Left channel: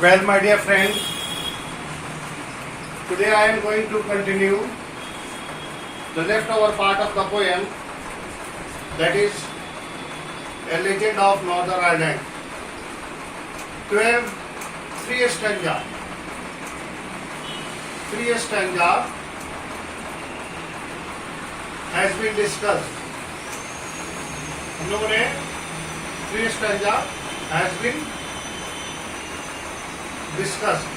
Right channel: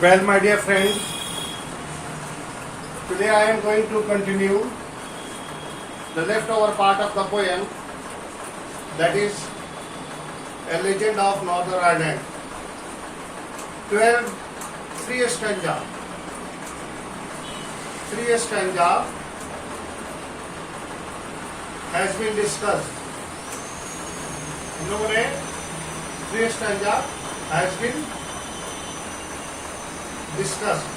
Well, my dear friend, today I am going to continue the leftover part of the poem, that is A Legend of Northern Ireland. 12 three stanza. Three stanza has been discussed. हम लोगों ने three stanza has been discussed.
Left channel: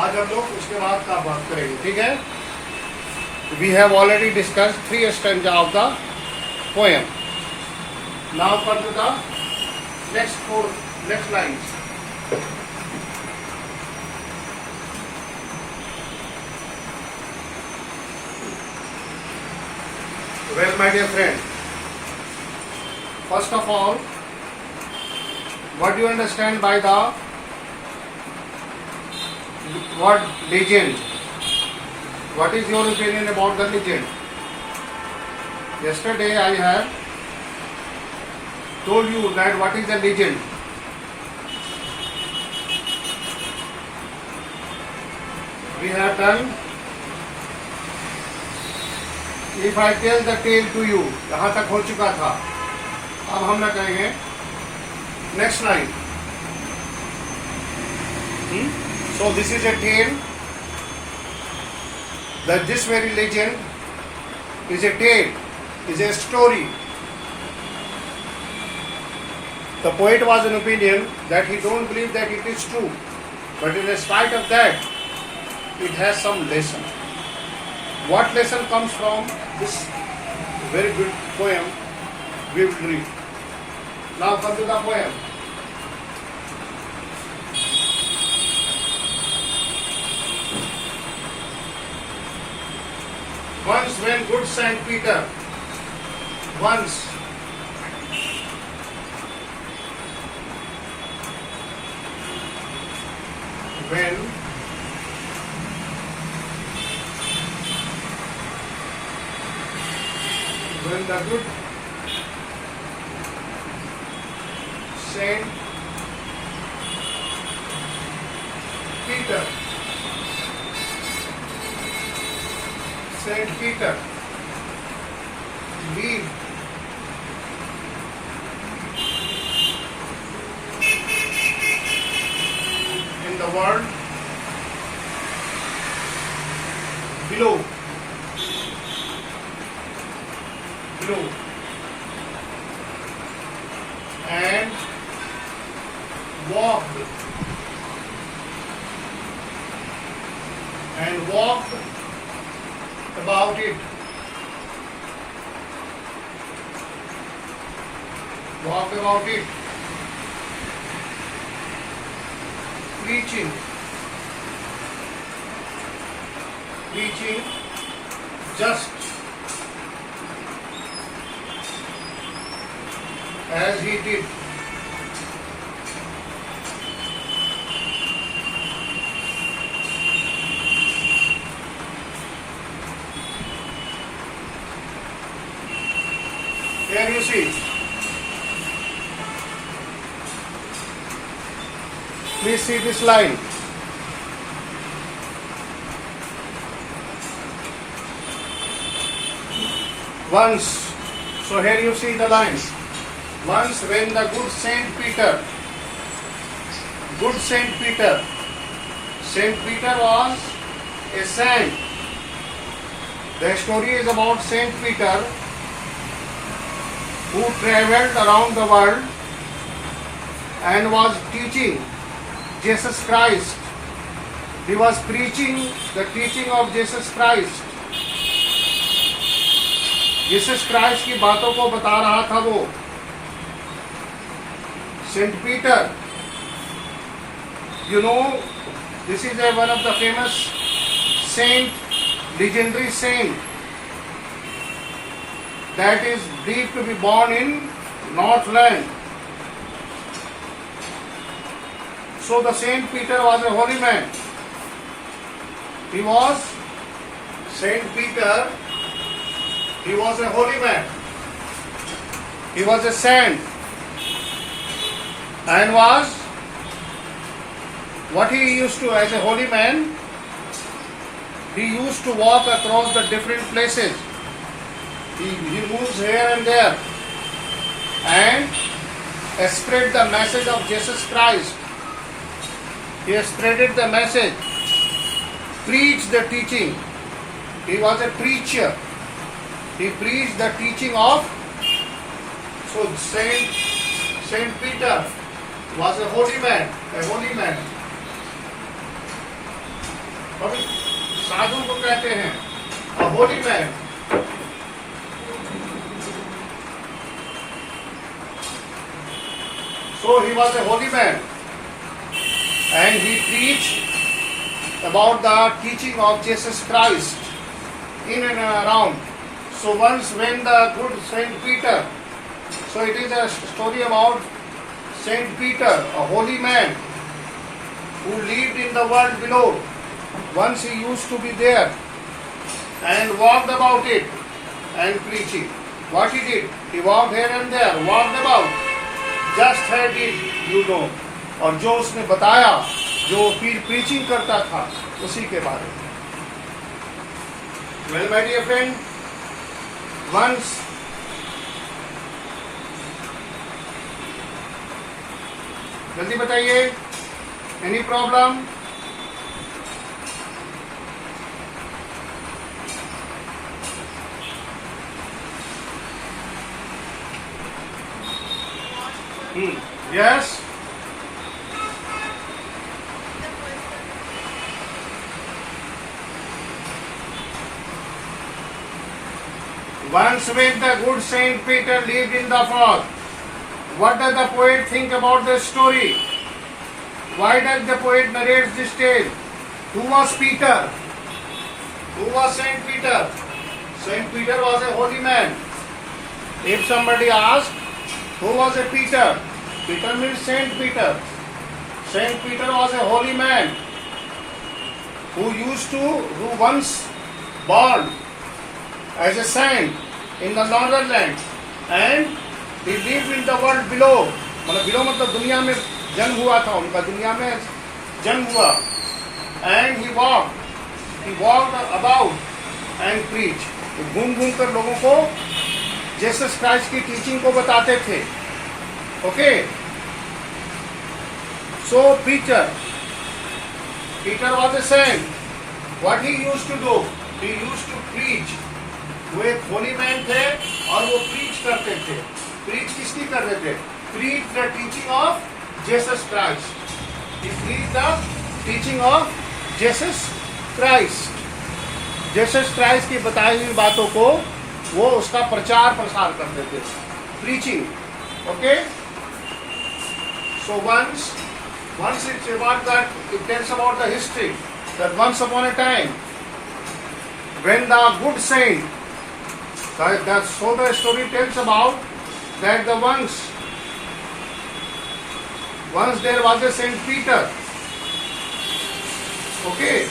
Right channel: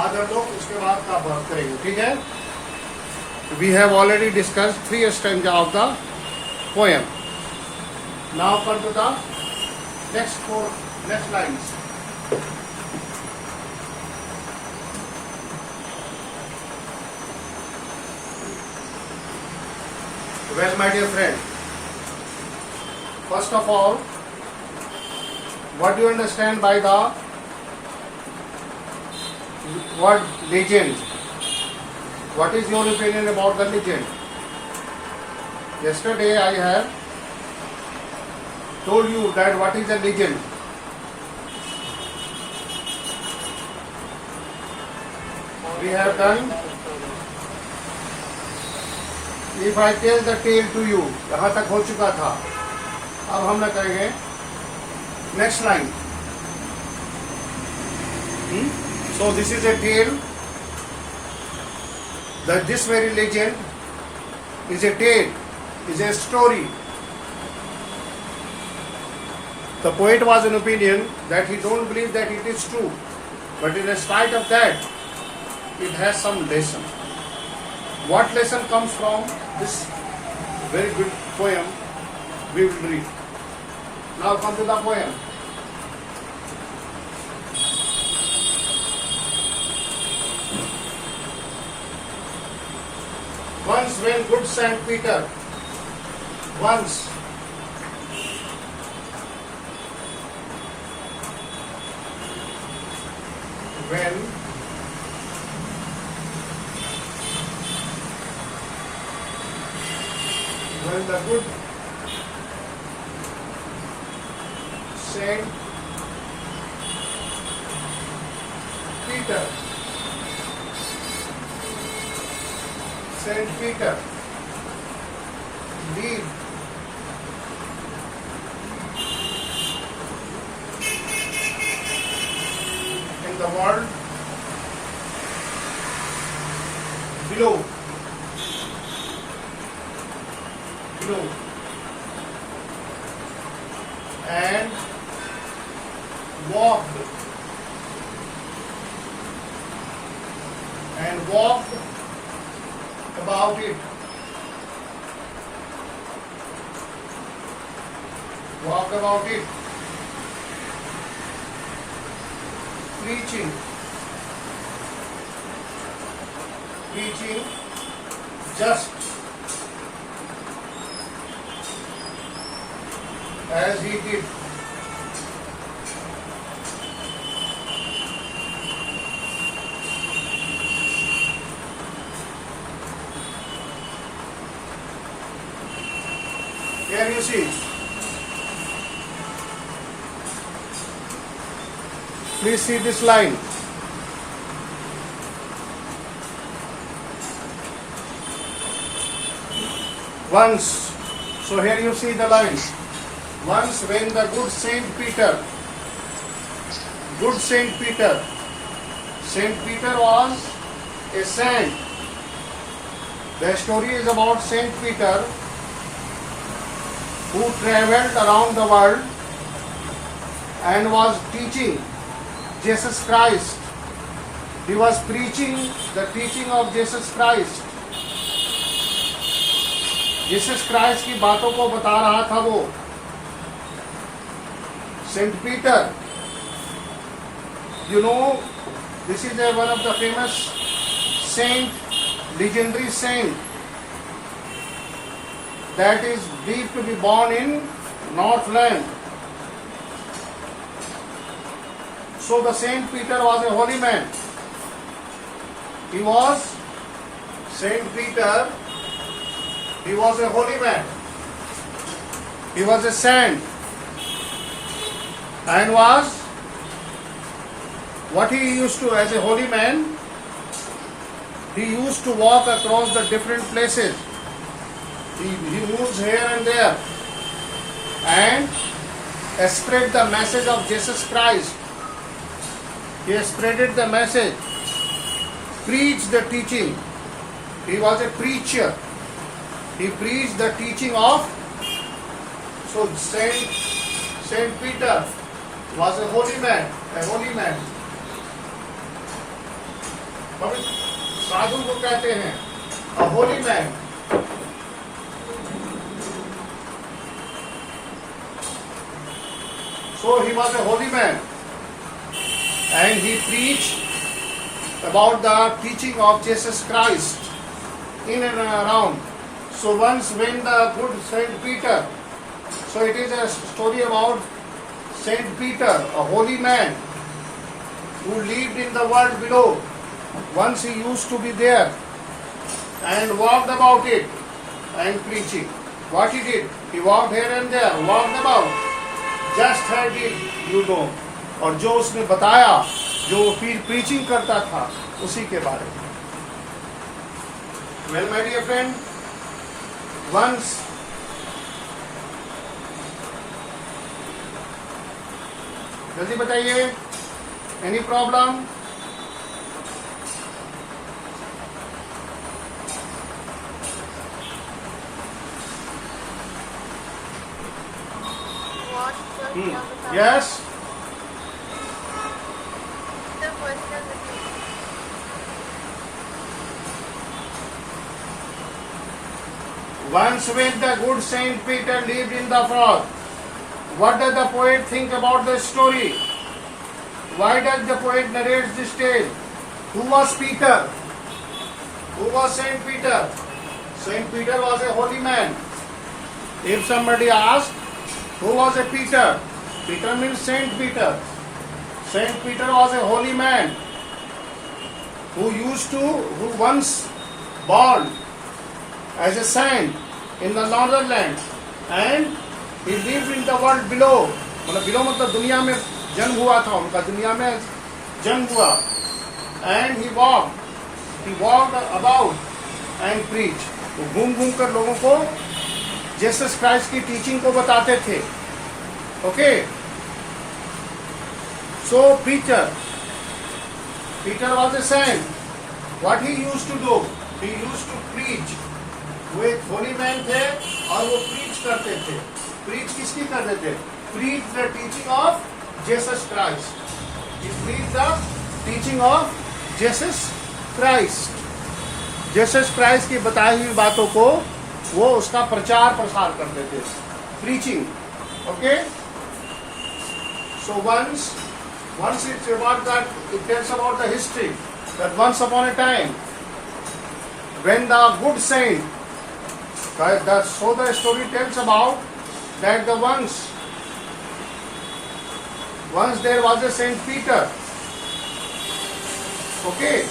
आज हम लोग उसके बाद का बात करेंगे, ठीक है? We have already discussed three stanza of the poem. Now come to the next lines. Well, my dear friend, first of all, what do you understand by the word legend? What is your opinion about the legend? Yesterday I have told you that what is a legend. We have done. If I tell the tale to you, यहाँ तक हो चुका था. अब हम ना करेंगे. Next line. So this is a tale. That this very legend is a tale, is a story. The poet was in opinion that he don't believe that it is true, but in spite of that, it has some lesson. What lesson comes from this very good poem we will read. Now come to the poem. Once when good Saint Peter, once when the good Saint Peter lived in the world below and walked about it. Walked about it, preaching just as he did. Here you see. Please see this line. Once, so here you see the lines. Once when the good Saint Peter was a saint. The story is about Saint Peter who traveled around the world and was teaching Jesus Christ. He was preaching the teaching of Jesus Christ. Jesus Christ की बातों को बता रहा था वो. Saint Peter, you know, this is one of the famous saint, legendary saint that is believed to be born in Northland. So the Saint Peter was a holy man. He was Saint Peter. He was a holy man. He was a saint. and was what he used to, as a holy man, he used to walk across the different places. He moves here and there and spread the message of Jesus Christ. He spreaded the message, preached the teaching. He was a preacher. He preached the teaching of. So Saint Peter was a holy man. A holy man. साधु को कहते हैं a holy man. So he was a holy man and he preached about the teaching of Jesus Christ in and around. So once when the good Saint Peter, so it is a story about Saint Peter, a holy man who lived in the world below. Once he used to be there and walked about it and preaching. What he did? He walked here and there, walked about. Just had it, you know. और जो उसने बताया, जो preaching करता था, उसी के बारे में. Well, my dear friend, once जल्दी बताइए, any problem? Yes. Once when the good Saint Peter lived in the fog, what does the poet think about the story? Why does the poet narrate this tale? Who was Peter? Who was Saint Peter? Saint Peter was a holy man. If somebody asks, who was a Peter? Peter means Saint Peter. Saint Peter was a holy man who once born as a saint in the northern land and he lived in the world below. मतलब below मतलब दुनिया में जन्म हुआ था उनका, दुनिया में जन्म हुआ. And he walked about and preached. वो घूम कर लोगों को जीसस क्राइस्ट की टीचिंग को बताते थे. Okay. So Peter was a saint. What he used to do? He used to preach. वो एक होली मैन थे और वो प्रीच करते थे. प्रीच किसकी करते थे? Preach the teaching of Jesus Christ. He preached the teaching of Jesus Christ. Jesus Christ की बताई हुई बातों को वो उसका प्रचार प्रसार करते थे. Preaching. Okay. So once it's about that, it tells about the history that once upon a time, when the good saint, so the story tells about that once there was a Saint Peter. Okay,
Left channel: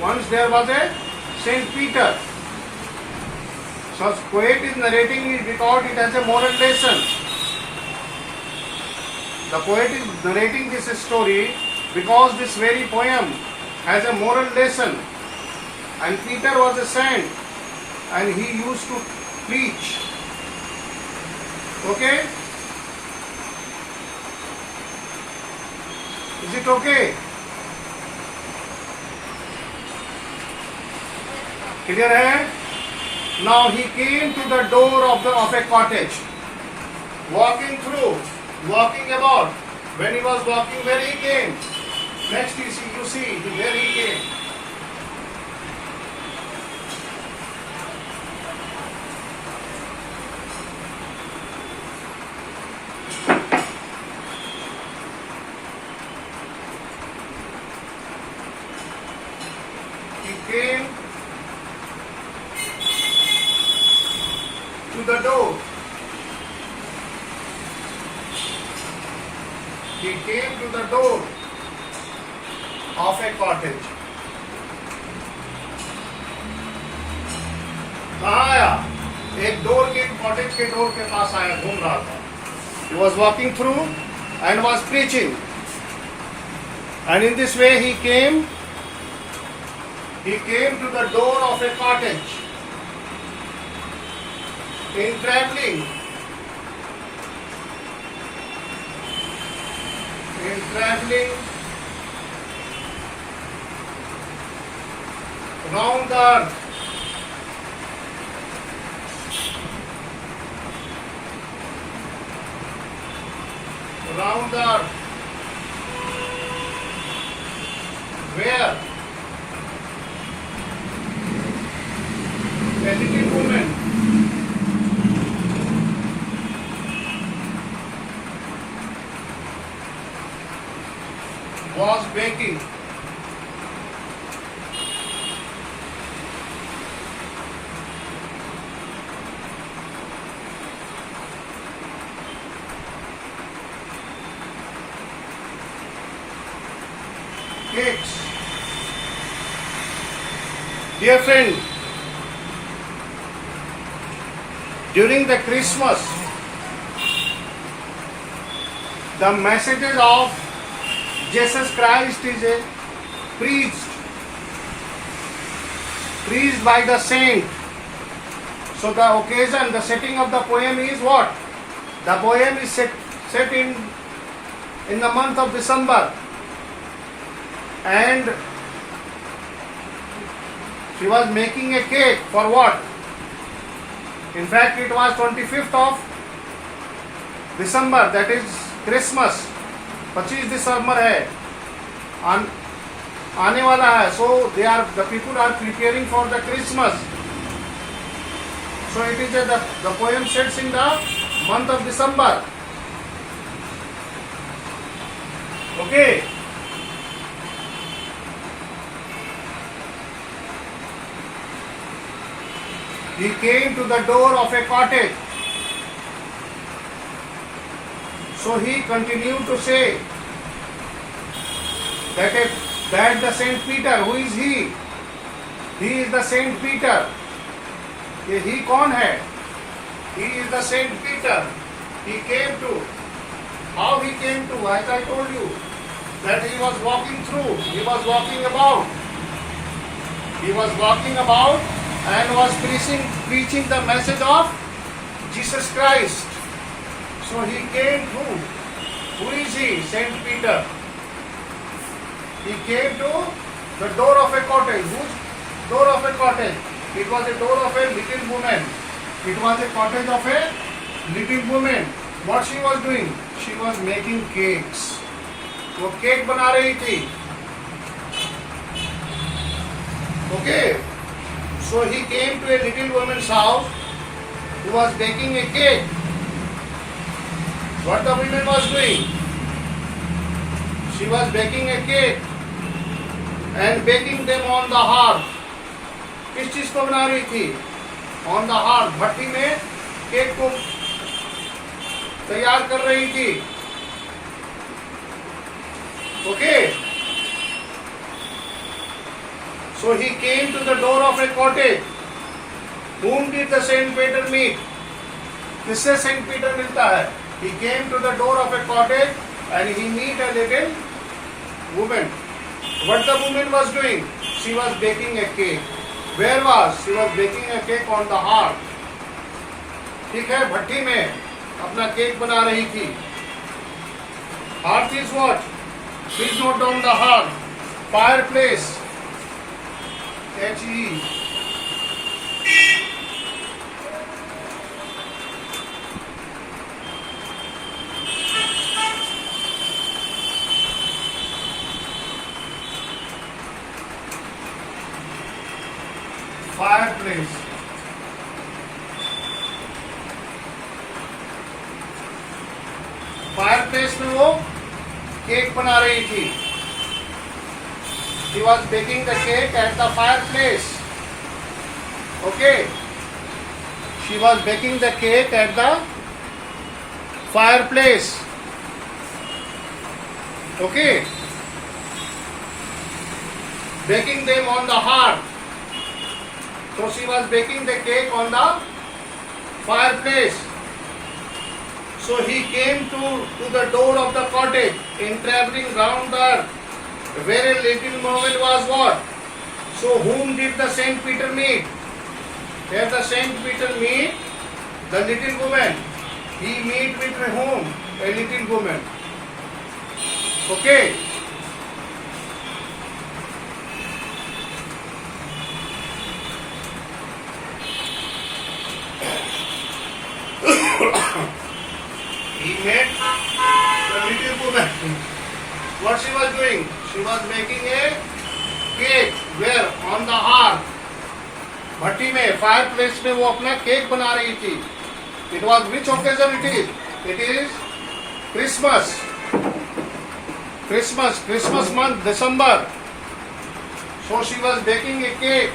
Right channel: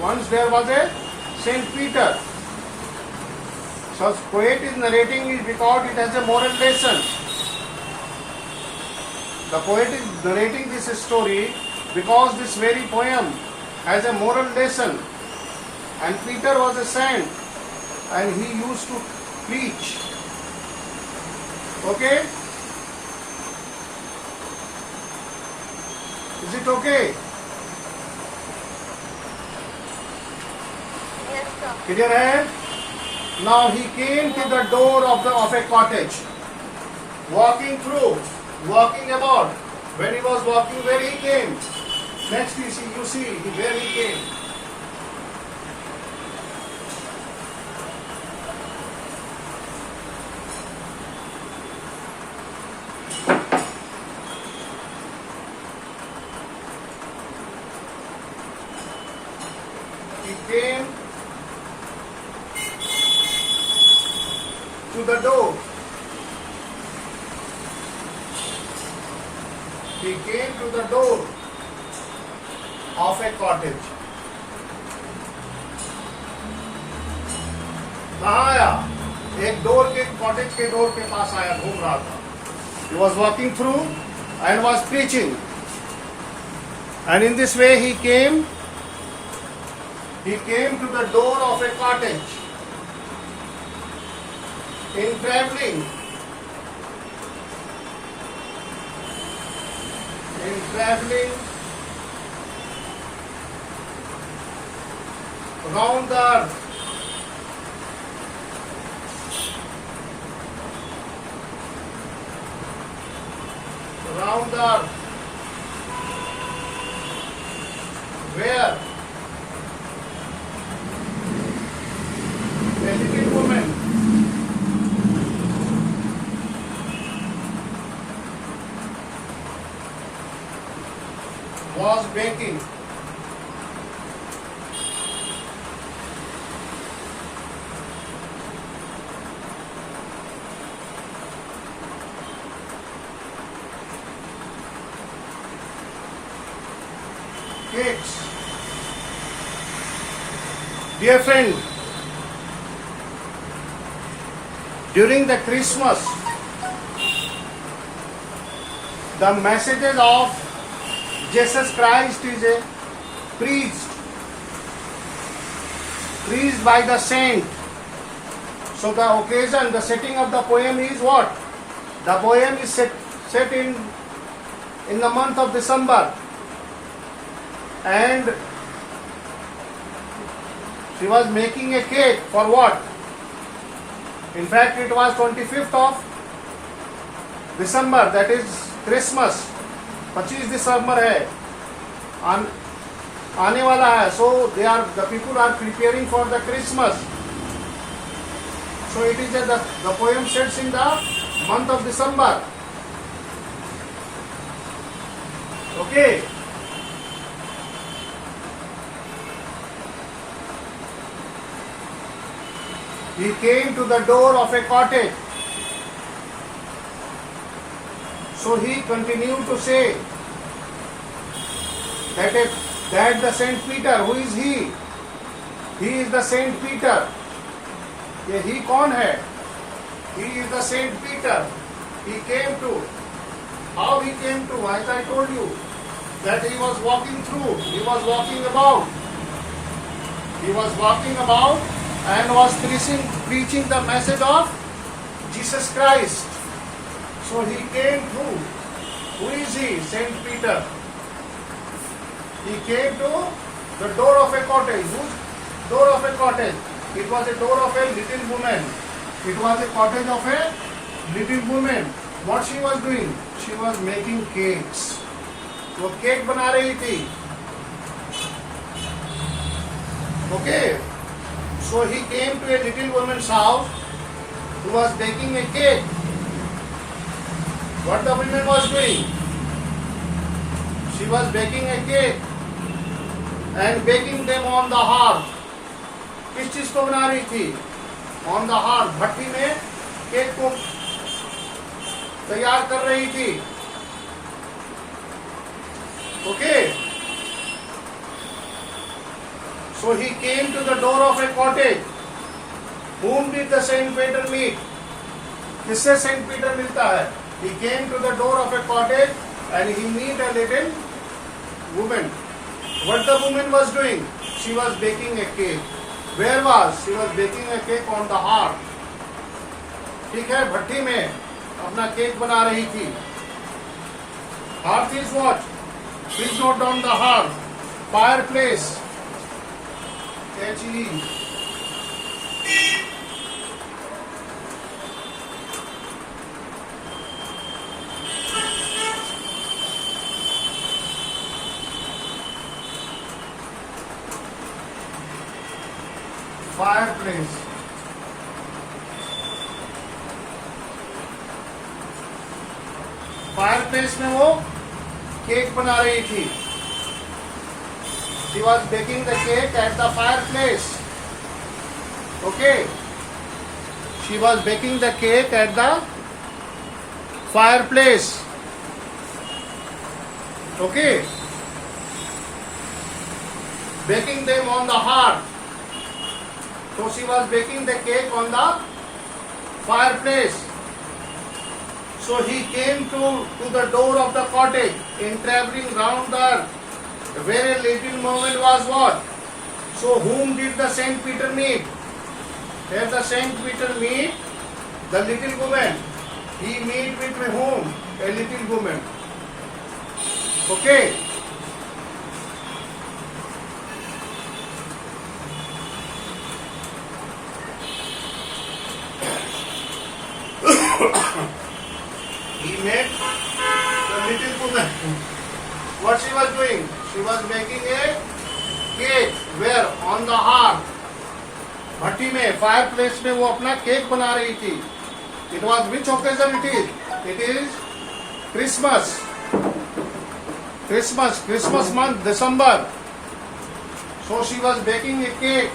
once there was a Saint Peter. So poet is narrating it because it has a moral lesson. The poet is narrating this story because this very poem has a moral lesson. And Peter was a saint and he used to preach. Okay? Is it okay? Clear hai? Now he came to the door of a cottage, walking about. When he was walking, where he came? Next you see where he came. He came to the door. He came to the door of a cottage. कहाँ आया? एक cottage के door के पास आया, घूम रहा था. He was walking through and was preaching. And in this way he came to the door of a cottage. In traveling round the earth, where a little woman was baking cakes. Dear friend, during the Christmas, the messages of Jesus Christ is preached by the saint. So the occasion, the setting of the poem is what? The poem is set in the month of December, and she was making a cake for what? In fact, it was 25th of December, that is Christmas. 25 दिसंबर है, आने वाला है. So the people are preparing for the Christmas. So it is the poem sets in the month of December. Okay. He came to the door of a cottage. So he continued to say that the Saint Peter, who is he? He is the Saint Peter. ये he कौन है? He is the Saint Peter. He came to. How he came to? As I told you, that he was walking through. He was walking about. He was walking about and was preaching the message of Jesus Christ. So he came through. Who is he? Saint Peter. He came to the door of a cottage. Whose door of a cottage? It was a door of a little woman. It was a cottage of a little woman. What she was doing? She was making cakes. वो cake बना रही थी. Okay. So he came to a little woman's house who was baking a cake. What the woman was doing? She was baking a cake and baking them on the hearth. किस चीज को बना रही थी? On the hearth, भट्टी में cake को तैयार कर रही थी. Okay. So he came to the door of a cottage. Whom did the Saint Peter meet? किससे Saint Peter मिलता है? He came to the door of a cottage and he met a little woman. What the woman was doing? She was baking a cake. Where was? She was baking a cake on the hearth. ठीक है, भट्टी में अपना cake बना रही थी. Hearth is what? Please note down the hearth. Fireplace. H-E. Fireplace. Fireplace में वो cake बना रही थी. She was baking the cake at the fireplace. Okay. She was baking the cake at the fireplace. Okay. Baking them on the hearth. So she was baking the cake on the fireplace. So he came to the door of the cottage, in traveling round the earth, where a little woman was what? So whom did the Saint Peter meet? Where the Saint Peter meet the little woman. He meet with whom? A little woman. Okay. He met the little woman. What she was doing? She was making a cake. Where? On the hearth. भट्टी में, fire place में वो अपना cake बना रही थी. It was which occasion it is? It is Christmas. Christmas month, December. So she was baking a cake.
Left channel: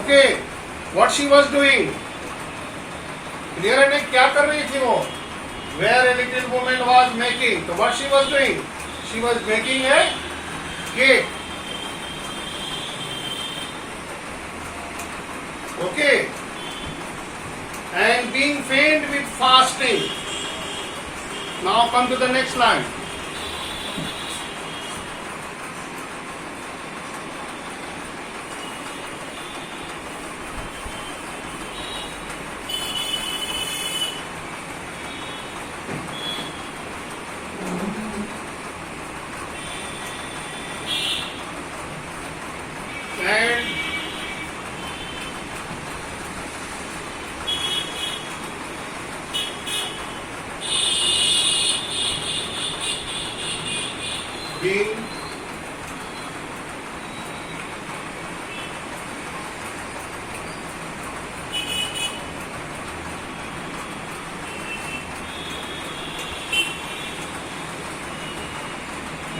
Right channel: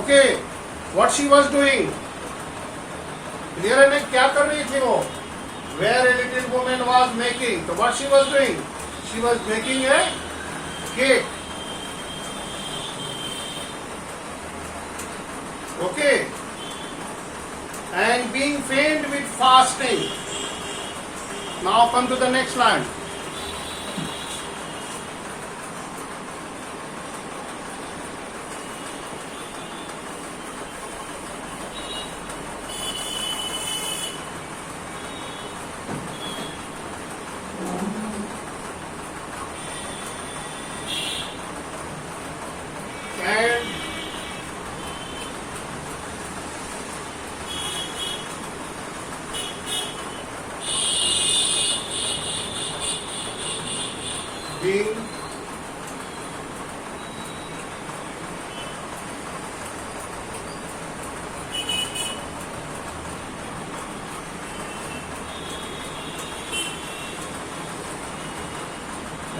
Okay. What she was doing? Clear है ना क्या कर रही थी वो? Where a little woman was making. So what she was doing? She was making a cake. Okay. And being faint with fasting. Now come to the next line.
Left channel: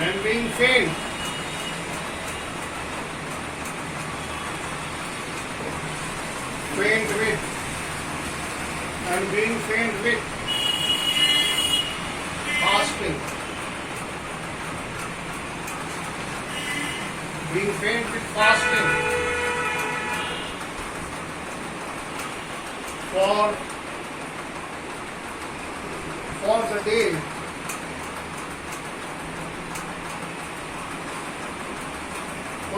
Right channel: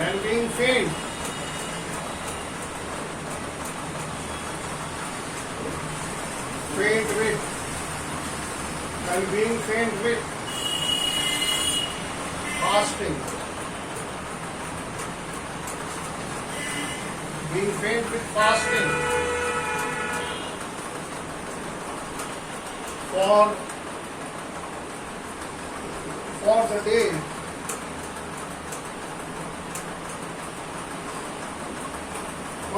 And being faint. Faint with and being faint with fasting. Being faint with fasting for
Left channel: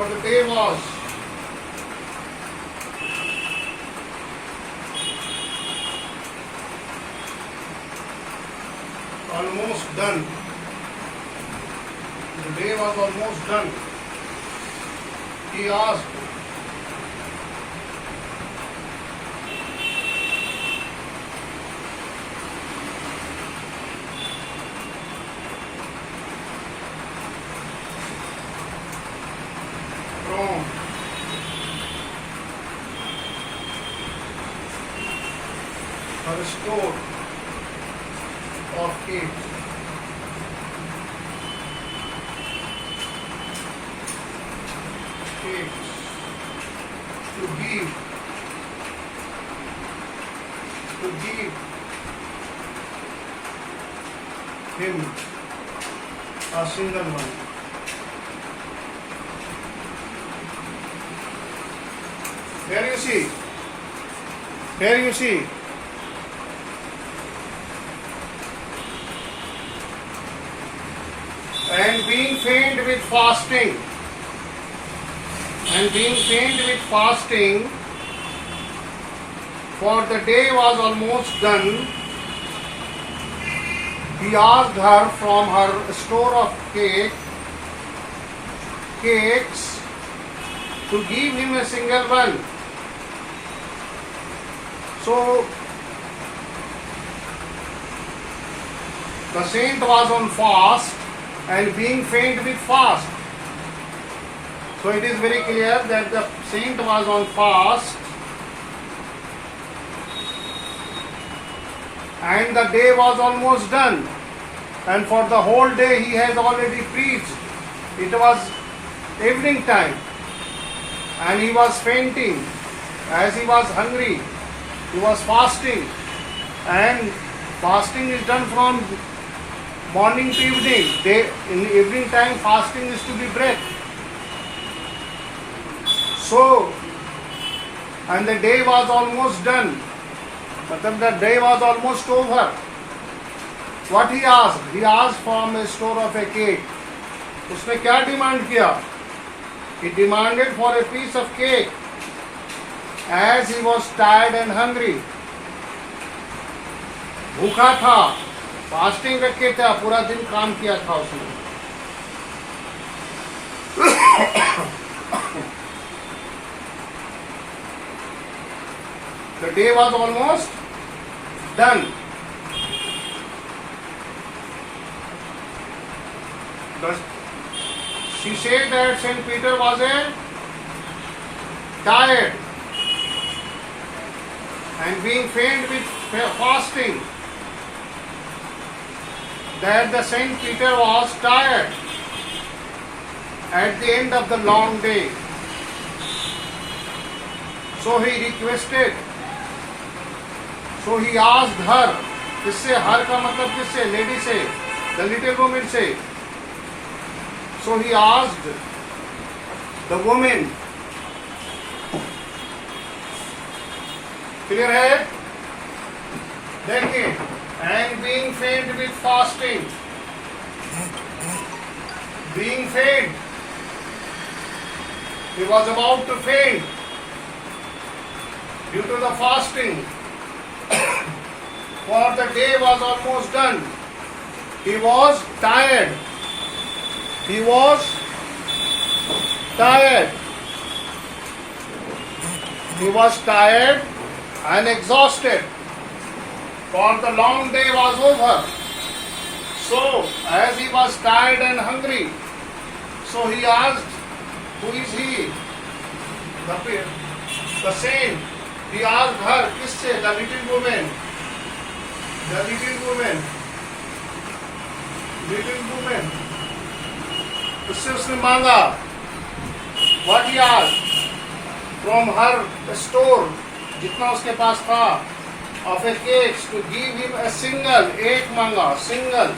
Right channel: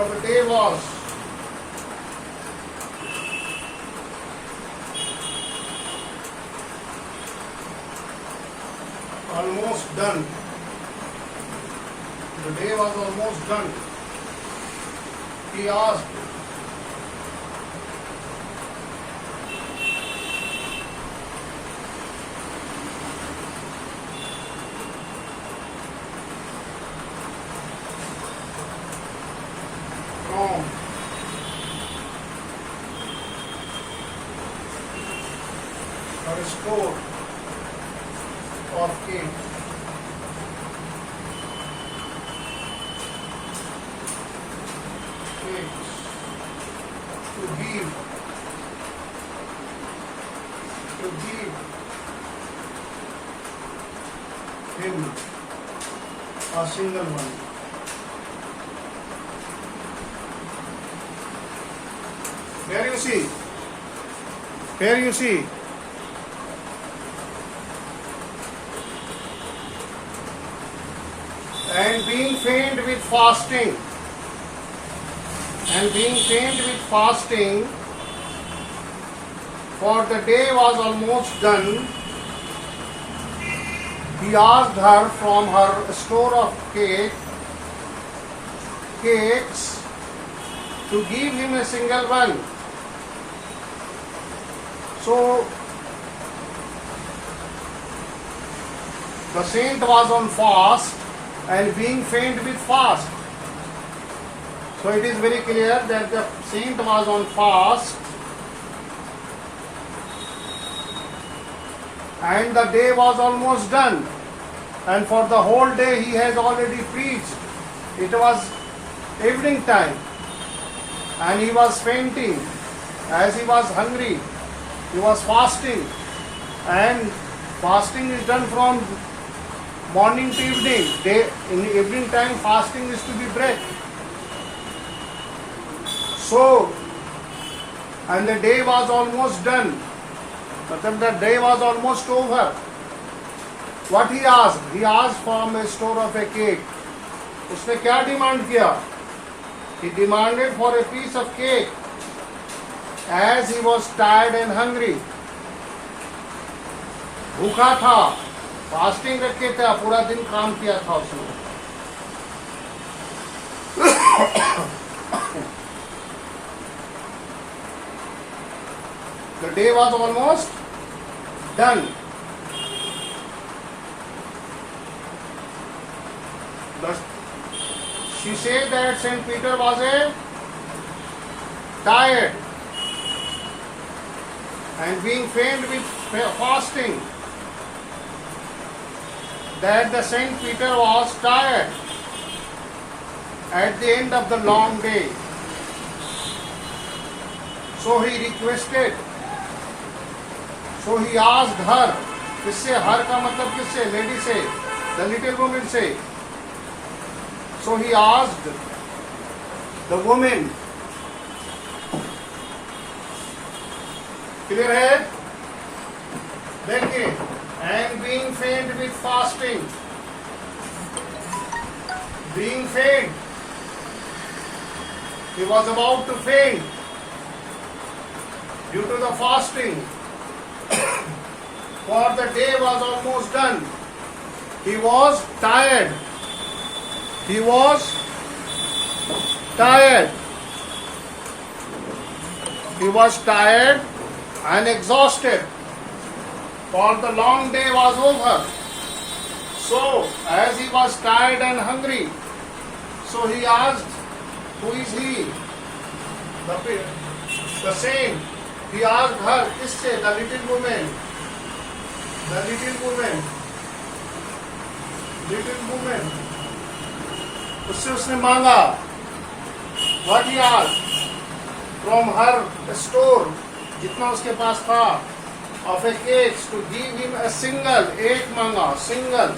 the day was almost done. The day was almost done. He asked, from her store of cakes. To give him a single one. Here you see. And being faint with fasting. For the day was almost done. He asked her from her store of cakes to give him a single one. So the saint was on fast and being faint with fast. So it is very clear that the saint was on fast and the day was almost done, and for the whole day he has already preached. It was evening time and he was fainting as he was hungry. He was fasting, and fasting is done from morning to evening. In the evening time fasting is to be bread. So, and the day was almost done. मतलब the day was almost over. What he asked? He asked from a store of a cake. उसने क्या demand किया? He demanded for a piece of cake as he was tired and hungry. भूखा था, fasting रखे था, पूरा दिन काम किया था उसने. The day was almost done. She said that Saint Peter was tired and being faint with fasting. That the Saint Peter was tired at the end of the long day. So he requested. So he asked her. किससे? हर का मतलब किससे? Lady से, the little woman से. So he asked the woman. Clear है? देखिए. And being faint with fasting. Being faint. He was about to faint due to the fasting. For the day was almost done. He was tired. He was tired. He was tired and exhausted. For the long day was over. So, as he was tired and hungry, so he asked, who is he? The saint. He asked her, किससे? The little woman. The little woman. Little woman. उससे उसने मांगा. What he asked? From her store, जितना उसके पास था, of a cakes to give him a single. एक मांगा. Single.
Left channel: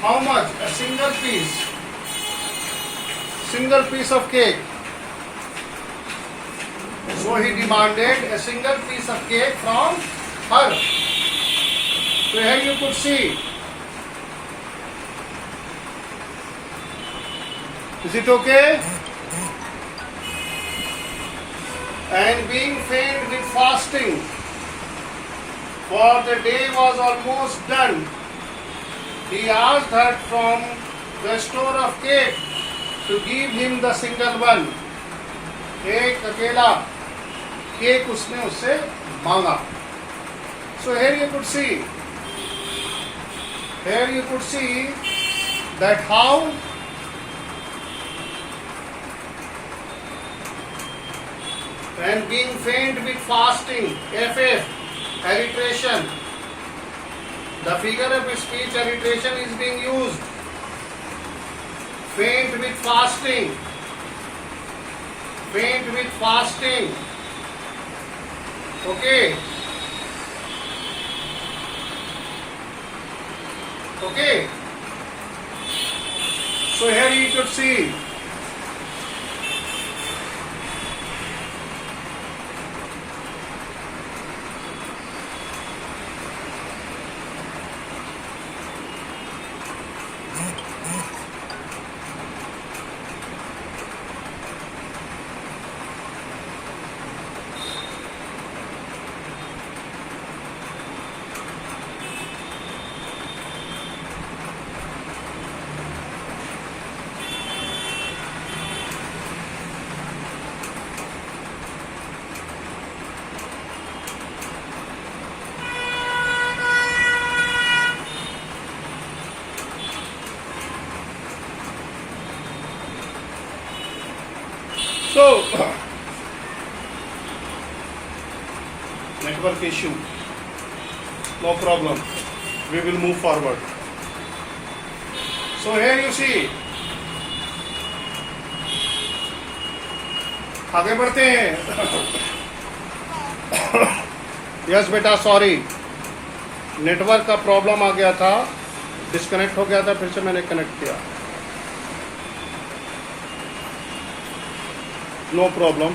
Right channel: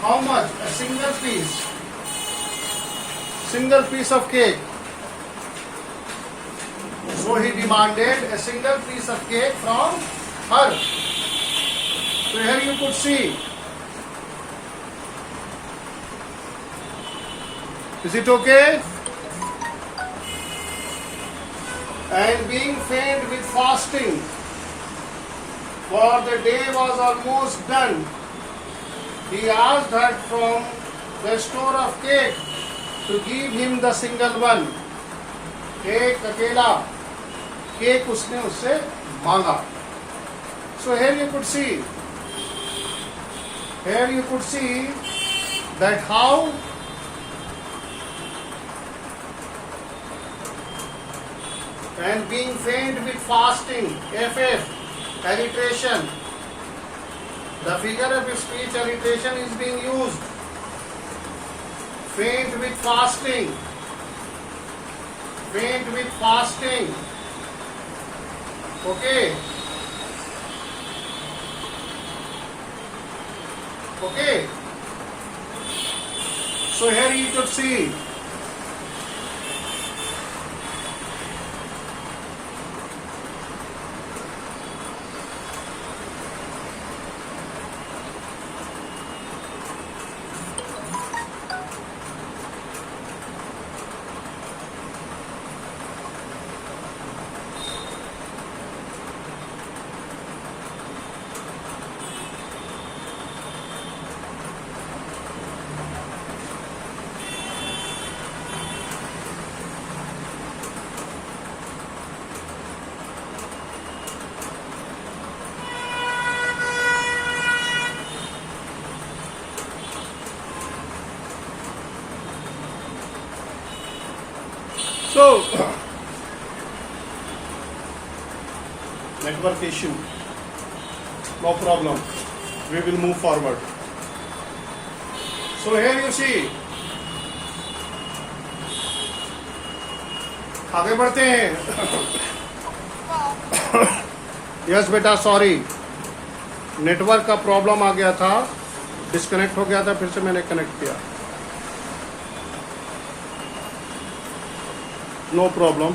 How much? A single piece. Single piece of cake. So he demanded a single piece of cake from her. So here you could see. Is it okay? And being faint with fasting, for the day was almost done, he asked her from the store of cake to give him the single one. एक अकेला cake उसने उससे मांगा. So here you could see that how and being faint with fasting, FF, alliteration. The figure of speech alliteration is being used. Faint with fasting. Faint with fasting. Okay. Okay. So here you could see. So, network issue, no problem, we will move forward. So here you see, आगे बढ़ते हैं. Yes बेटा, sorry, network का problem आ गया था, disconnect हो गया था, फिर से मैंने कनेक्ट किया. No problem.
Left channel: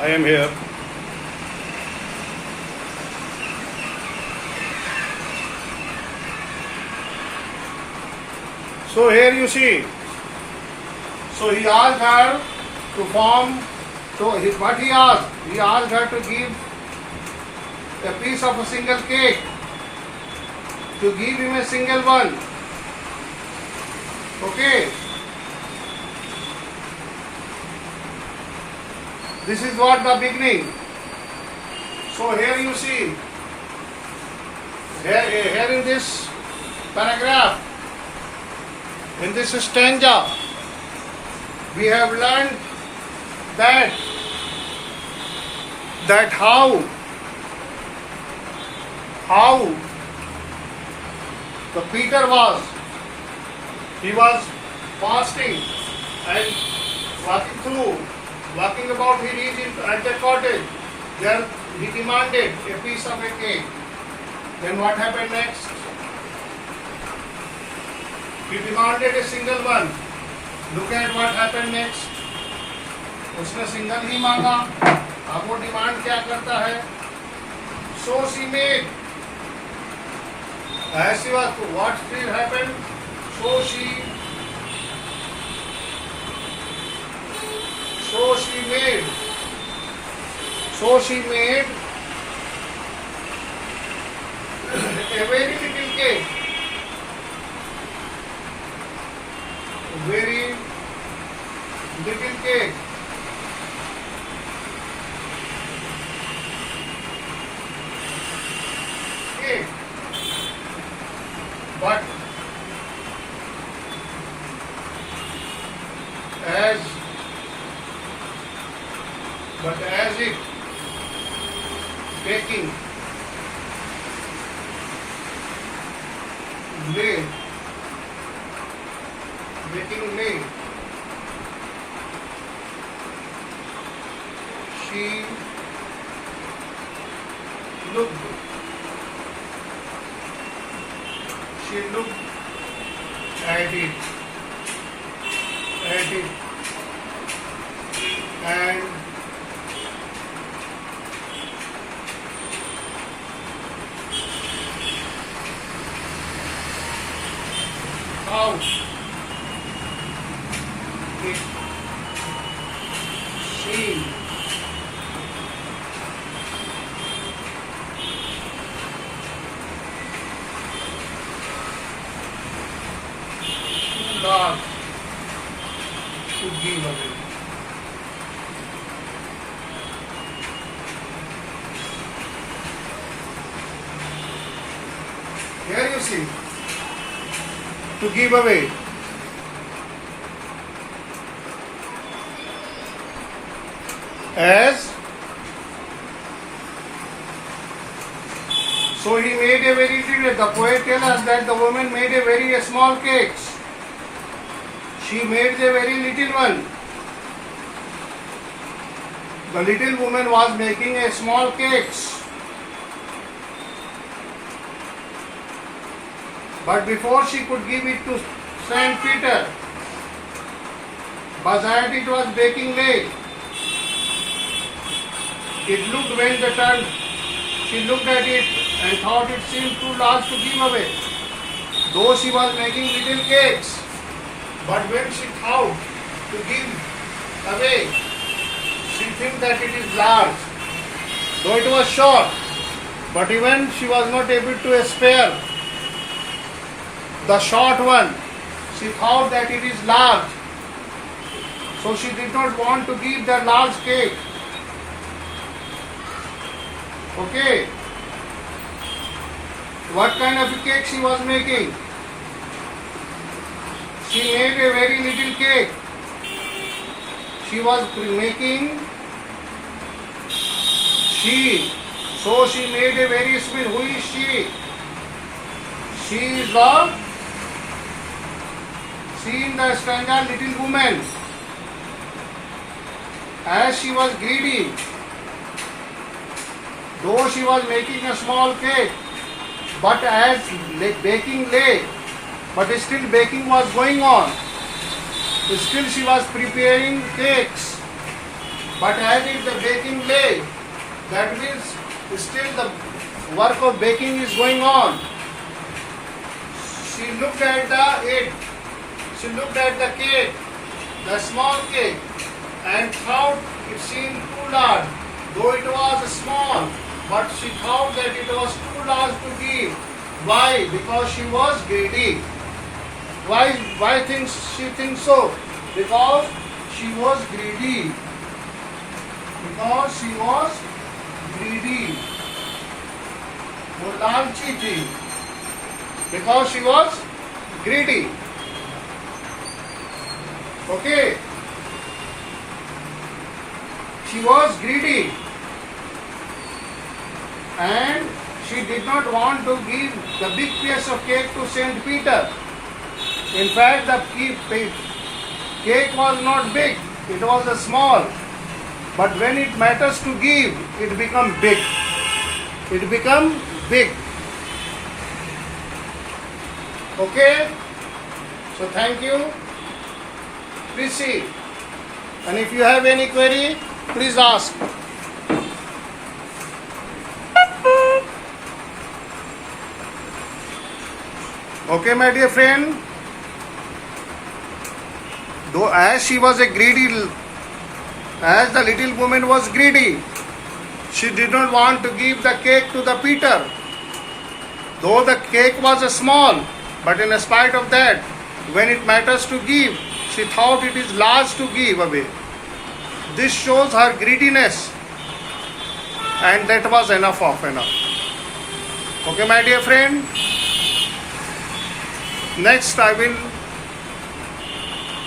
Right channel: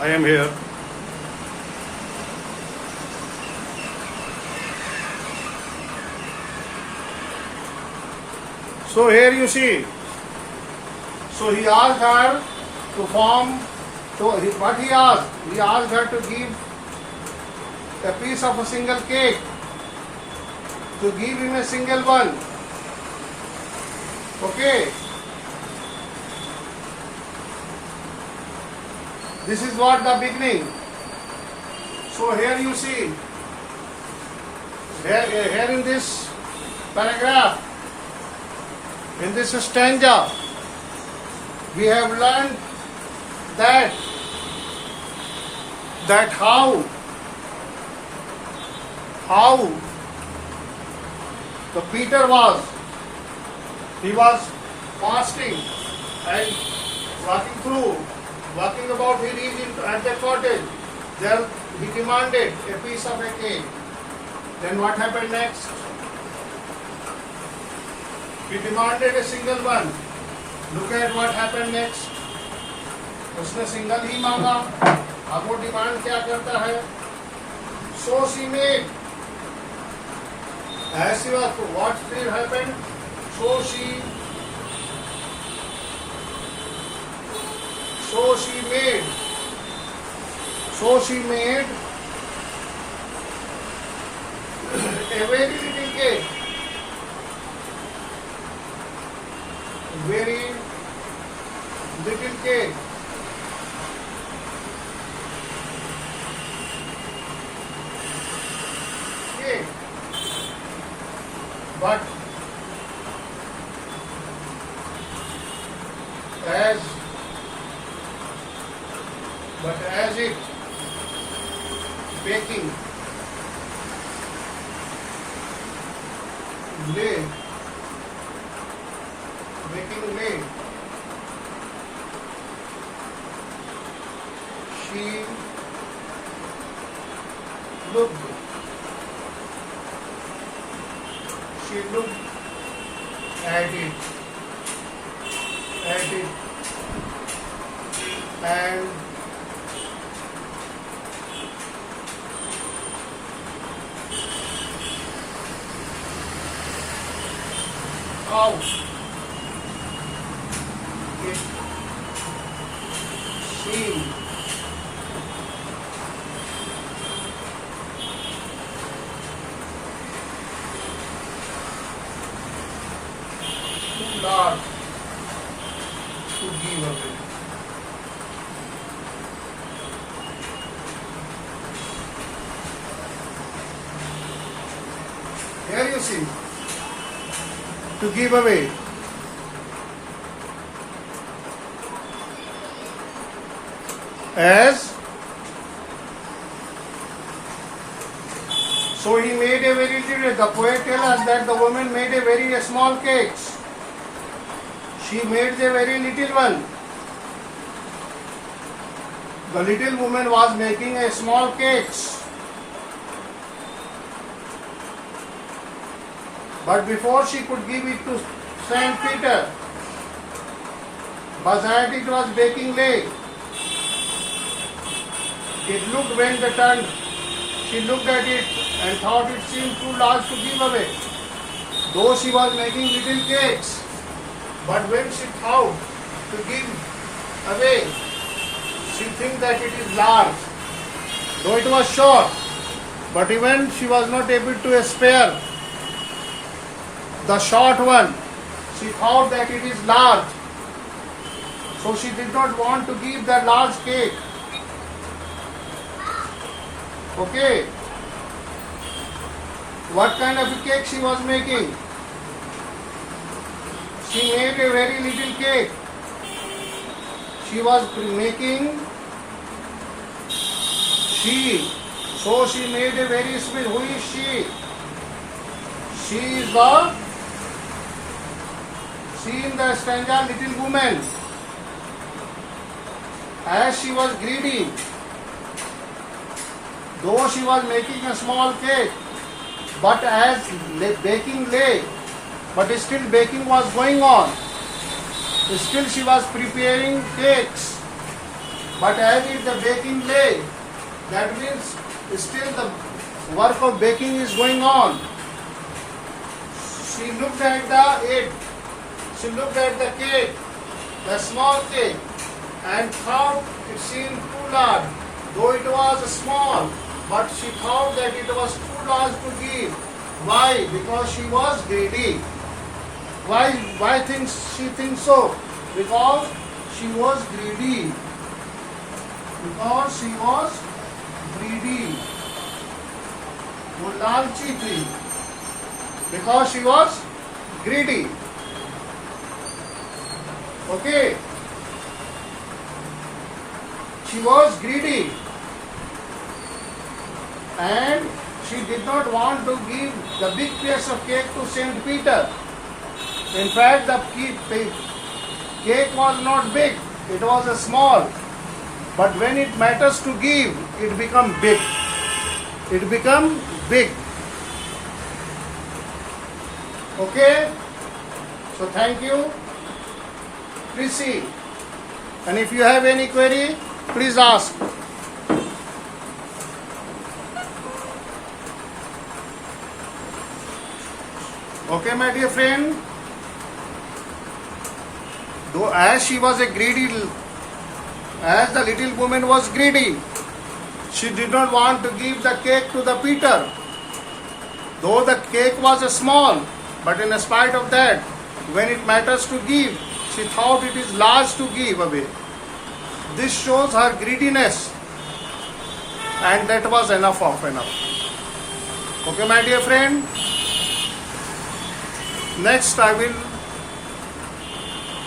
I am here. So here you see. So he asked her to form. So what he asked? He asked her to give a piece of a single cake. To give him a single one. Okay. This is what the beginning. So here you see. Here in this paragraph, in this stanza, we have learned that how the Peter was, he was fasting and walking about, he reached at the cottage. There he demanded a piece of a cake. Then what happened next? He demanded a single one. Look at what happened next. उसने single ही मांगा. अब वो demand क्या करता है? So she made. As she was, what still happened? So she made a very little cake. Very little cake. Cake. But as it baking lay, she looked at it and how it seemed too large to give away. Here you see, to give away. As so he made a very little, the poet tells us that the woman made a very small cakes. She made a very little one. The little woman was making a small cakes. But before she could give it to Saint Peter, but as it was baking late, it looked when the turn, she looked at it and thought it seemed too large to give away. Though she was making little cakes, but when she thought to give away, she think that it is large. Though it was short, but even she was not able to spare the short one. She thought that it is large. So she did not want to give the large cake. Okay. What kind of a cake she was making? She made a very little cake. She was making she. So she made a very small. Who is she? She is in the stanza little woman. As she was greedy, though she was making a small cake, but as baking lay, but still baking was going on. Still she was preparing cakes, but as it the baking lay, that means still the work of baking is going on. She looked at it She looked at the cake, the small cake, and thought it seemed too large, though it was small. But she thought that it was too large to give. Why? Because she was greedy. Why thinks she thinks so? Because she was greedy. Because she was greedy. वो लालची थी. Because she was greedy. Okay. She was greedy. And she did not want to give the big piece of cake to Saint Peter. In fact, the cake was not big, it was a small. But when it matters to give, it become big. It become big. Okay? So thank you. Please see. And if you have any query, please ask. Okay, my dear friend. Though as she was a greedy, as the little woman was greedy, she did not want to give the cake to the Peter. Though the cake was small, but in spite of that, when it matters to give, she thought it is large to give away. This shows her greediness, and that was enough of enough. Okay, my dear friend. Next, I will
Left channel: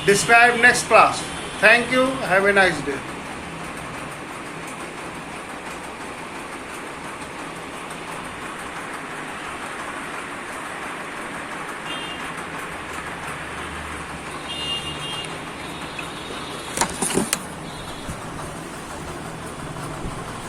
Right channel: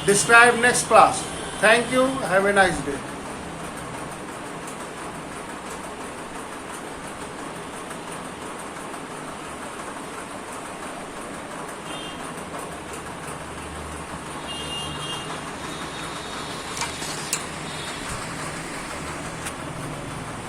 describe next class. Thank you. Have a nice day.